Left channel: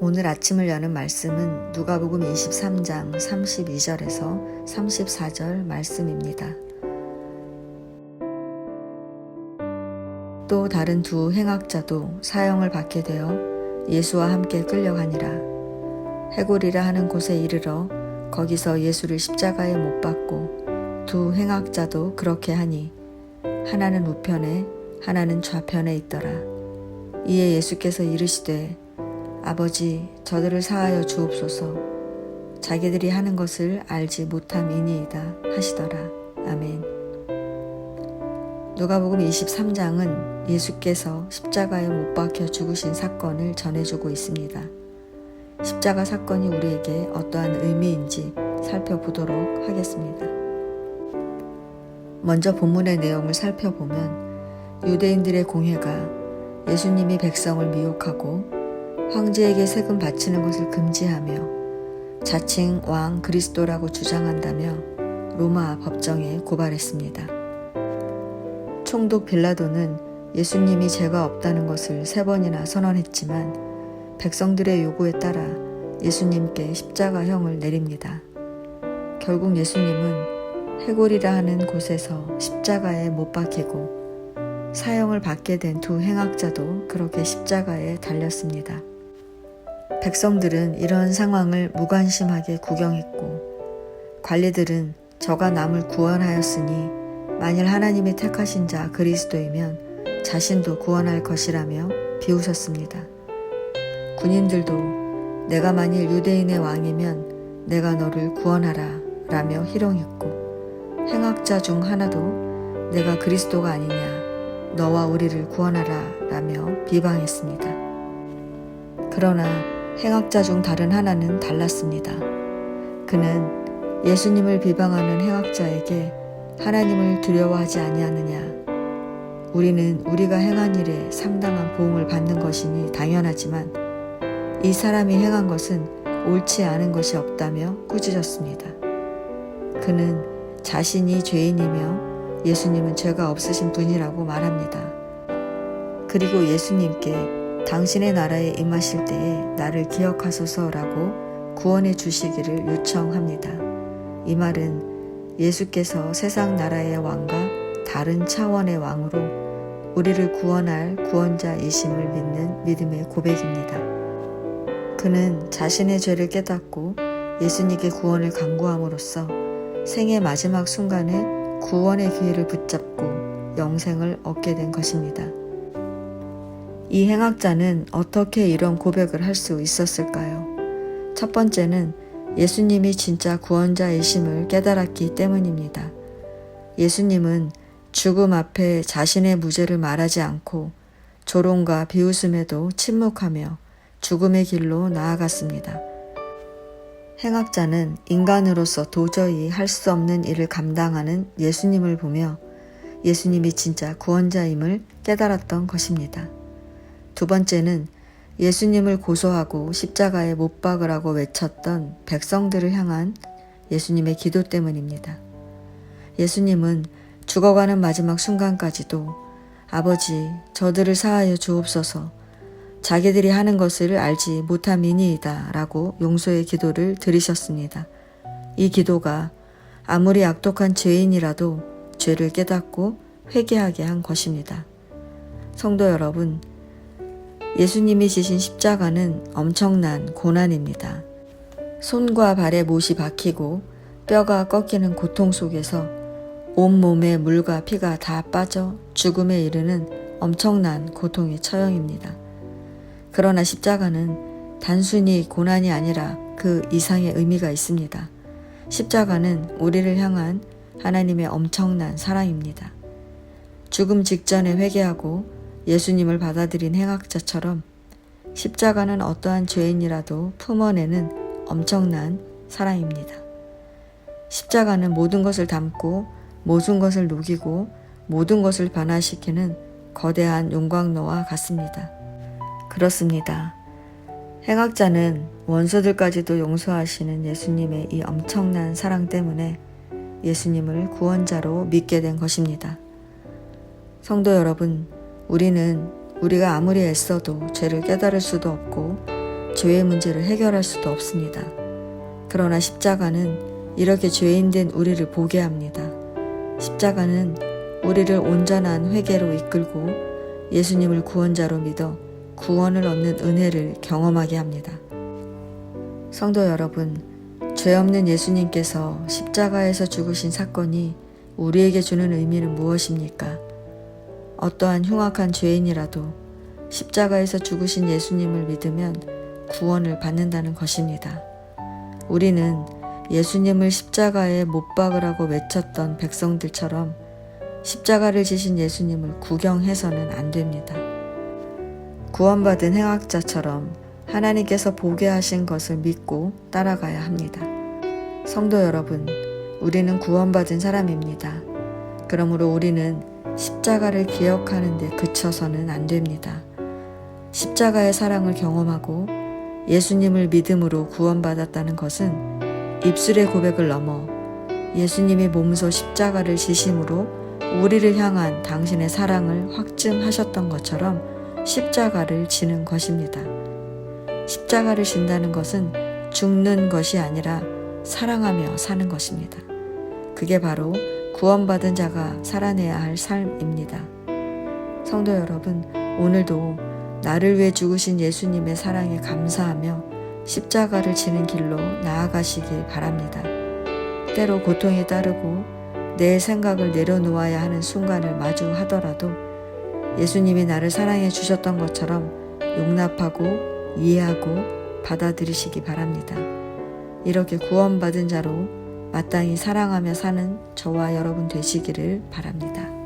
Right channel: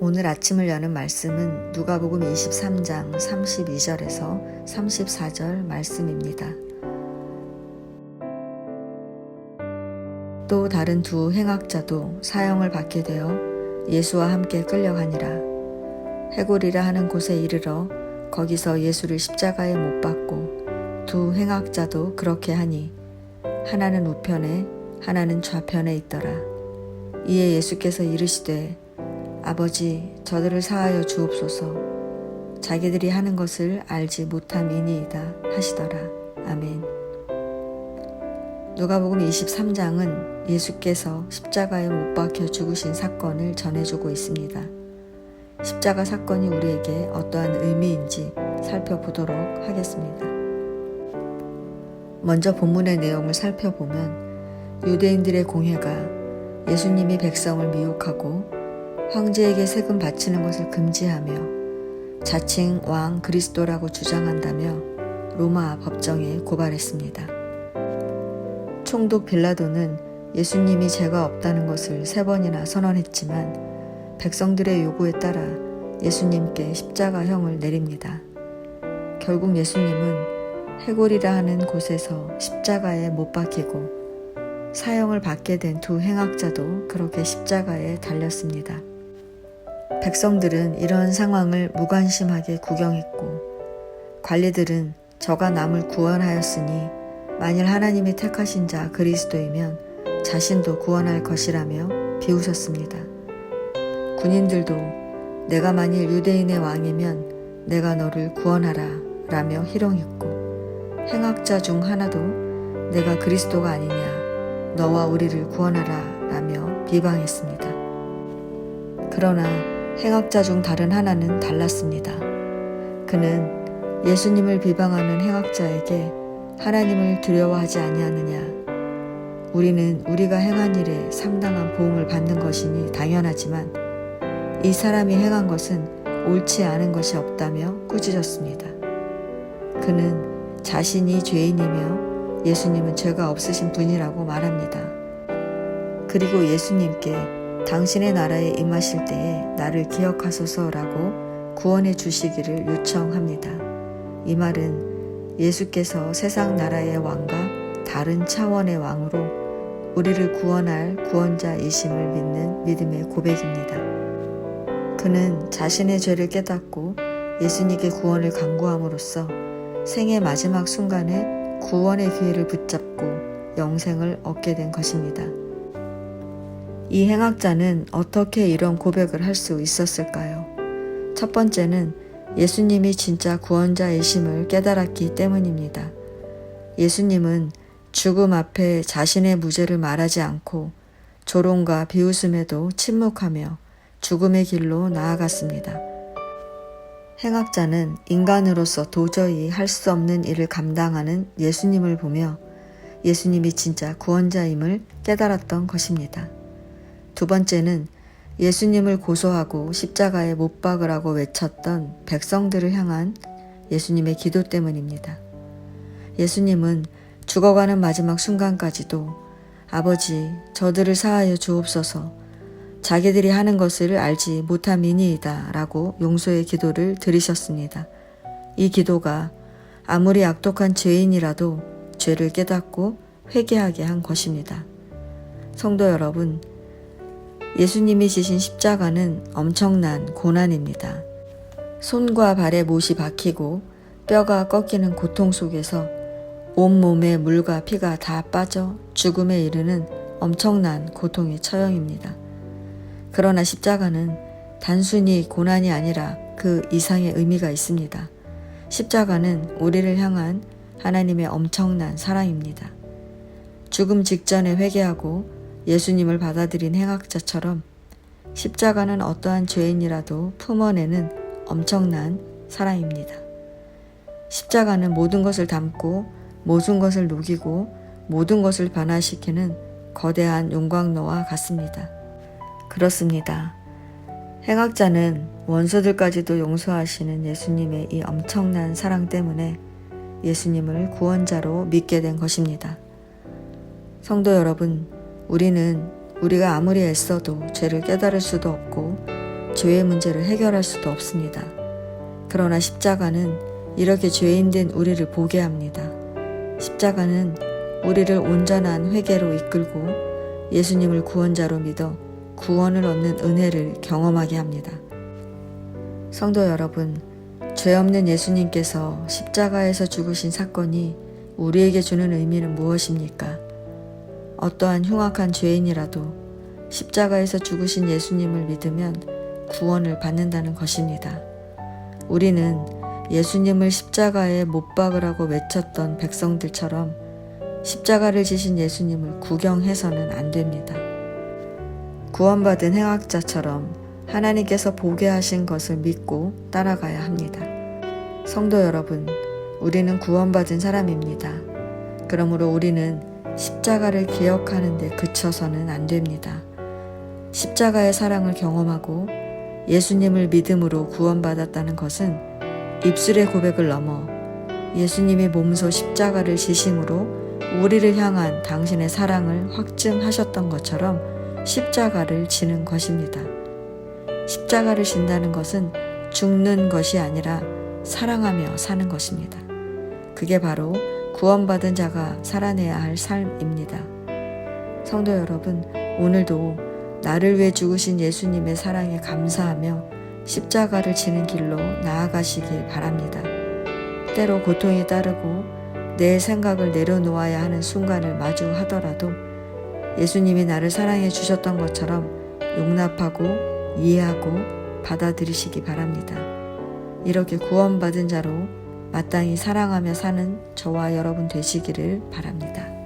오늘 아침을 여는 말씀은 누가복음 23장 32절에서 34절 말씀입니다. 또 다른 두 행악자도 사형을 받게 되어 예수와 함께 끌려가니라. 해골이라 하는 곳에 이르러 거기서 예수를 십자가에 못 박고 두 행악자도 그렇게 하니 하나는 우편에 하나는 좌편에 있더라. 이에 예수께서 이르시되 아버지 저들을 사하여 주옵소서. 자기들이 하는 것을 알지 못함이니이다 하시더라. 아멘. 누가복음 23장은 예수께서 십자가에 못 박혀 죽으신 사건을 전해주고 있습니다. 십자가 사건이 우리에게 어떠한 의미인지 살펴보도록 하겠습니다. 먼저 본문의 내용을 살펴보면 유대인들의 공회가 예수님이 백성을 미혹하고 황제에게 세금 바치는 것을 금지하며 자칭 왕 그리스도라고 주장한다며 로마 법정에 고발했습니다. 총독 빌라도는 예수님이 죄가 없다는 것을 3번이나 선언했지만 백성들의 요구에 따라 예수님께 십자가형을 내립니다. 결국 예수님은 해골이라 하는 곳에서 십자가에 못 박히고 사형을 받게 된 두 행악자도 그렇게 십자가에 달렸습니다. 백성들은 이런 상황을 무관심하게 구경했고 관리들은 저가 남을 구원하였으니 만일 하나님이 택하신 자 그리스도이면 자신도 구원할 것이라며 비웃었습니다. 군인들도 내가 만일 유대인의 왕이면 내가 너를 구원하라 라며 희롱했고 행악자 중 하나도 내가 그리스도가 아니냐 너와 우리를 구원하라 라며 비방했습니다. 그러나 행악자 중 다른 하나는 달랐습니다. 그는 예수님을 비방하는 행악자에게 하나님을 두려워하지 아니하느냐. 우리는 우리가 행한 일에 상당한 보응을 받는 것이니 당연하지만 이 사람이 행한 것은 옳지 않은 것이 없다며 꾸짖었습니다. 그는 자신이 죄인이며 예수님은 죄가 없으신 분이라고 말합니다. 그리고 예수님께 당신의 나라에 임하실 때에 나를 기억하소서라고 구원해 주시기를 요청합니다. 이 말은 예수께서 세상 나라의 왕과 다른 차원의 왕으로 우리를 구원할 구원자이심을 믿는 믿음의 고백입니다. 그는 자신의 죄를 깨닫고 예수님께 구원을 간구함으로써 생의 마지막 순간에 구원의 기회를 붙잡고 영생을 얻게 된 것입니다. 이 행악자는 어떻게 이런 고백을 할 수 있었을까요? 첫 번째는 예수님이 진짜 구원자이심을 깨달았기 때문입니다. 예수님은 죽음 앞에 자신의 무죄를 말하지 않고 조롱과 비웃음에도 침묵하며 죽음의 길로 나아갔습니다. 행악자는 인간으로서 도저히 할 수 없는 일을 감당하는 예수님을 보며 예수님이 진짜 구원자임을 깨달았던 것입니다. 두 번째는 예수님을 고소하고 십자가에 못 박으라고 외쳤던 백성들을 향한 예수님의 기도 때문입니다. 예수님은 죽어가는 마지막 순간까지도 아버지 저들을 사하여 주옵소서 자기들이 하는 것을 알지 못함이니이다 라고 용서의 기도를 드리셨습니다. 이 기도가 아무리 악독한 죄인이라도 죄를 깨닫고 회개하게 한 것입니다. 성도 여러분, 예수님이 지신 십자가는 엄청난 고난입니다. 손과 발에 못이 박히고 뼈가 꺾이는 고통 속에서 온몸에 물과 피가 다 빠져 죽음에 이르는 엄청난 고통의 처형입니다. 그러나 십자가는 단순히 고난이 아니라 그 이상의 의미가 있습니다. 십자가는 우리를 향한 하나님의 엄청난 사랑입니다. 죽음 직전에 회개하고 예수님을 받아들인 행악자처럼 십자가는 어떠한 죄인이라도 품어내는 엄청난 사랑입니다. 십자가는 모든 것을 담고 모든 것을 녹이고 모든 것을 변화시키는 거대한 용광로와 같습니다. 그렇습니다. 행악자는 원수들까지도 용서하시는 예수님의 이 엄청난 사랑 때문에 예수님을 구원자로 믿게 된 것입니다. 성도 여러분, 우리는 우리가 아무리 애써도 죄를 깨달을 수도 없고 죄의 문제를 해결할 수도 없습니다. 그러나 십자가는 이렇게 죄인된 우리를 보게 합니다. 십자가는 우리를 온전한 회개로 이끌고 예수님을 구원자로 믿어 구원을 얻는 은혜를 경험하게 합니다. 성도 여러분, 죄 없는 예수님께서 십자가에서 죽으신 사건이 우리에게 주는 의미는 무엇입니까? 어떠한 흉악한 죄인이라도 십자가에서 죽으신 예수님을 믿으면 구원을 받는다는 것입니다. 우리는 예수님을 십자가에 못 박으라고 외쳤던 백성들처럼 십자가를 지신 예수님을 구경해서는 안 됩니다. 구원받은 행악자처럼 하나님께서 보게 하신 것을 믿고 따라가야 합니다. 성도 여러분, 우리는 구원받은 사람입니다. 그러므로 우리는 십자가를 기억하는 데 그쳐서는 안 됩니다. 십자가의 사랑을 경험하고 예수님을 믿음으로 구원받았다는 것은 입술의 고백을 넘어 예수님이 몸소 십자가를 지심으로 우리를 향한 당신의 사랑을 확증하셨던 것처럼 십자가를 지는 것입니다. 십자가를 진다는 것은 죽는 것이 아니라 사랑하며 사는 것입니다. 그게 바로 구원받은 자가 살아내야 할 삶입니다. 성도 여러분, 오늘도 나를 위해 죽으신 예수님의 사랑에 감사하며 십자가를 지는 길로 나아가시길 바랍니다. 때로 고통이 따르고 내 생각을 내려놓아야 하는 순간을 마주하더라도 예수님이 나를 사랑해 주셨던 것처럼 용납하고 이해하고 받아들이시기 바랍니다. 이렇게 구원받은 자로 마땅히 사랑하며 사는 저와 여러분 되시기를 바랍니다.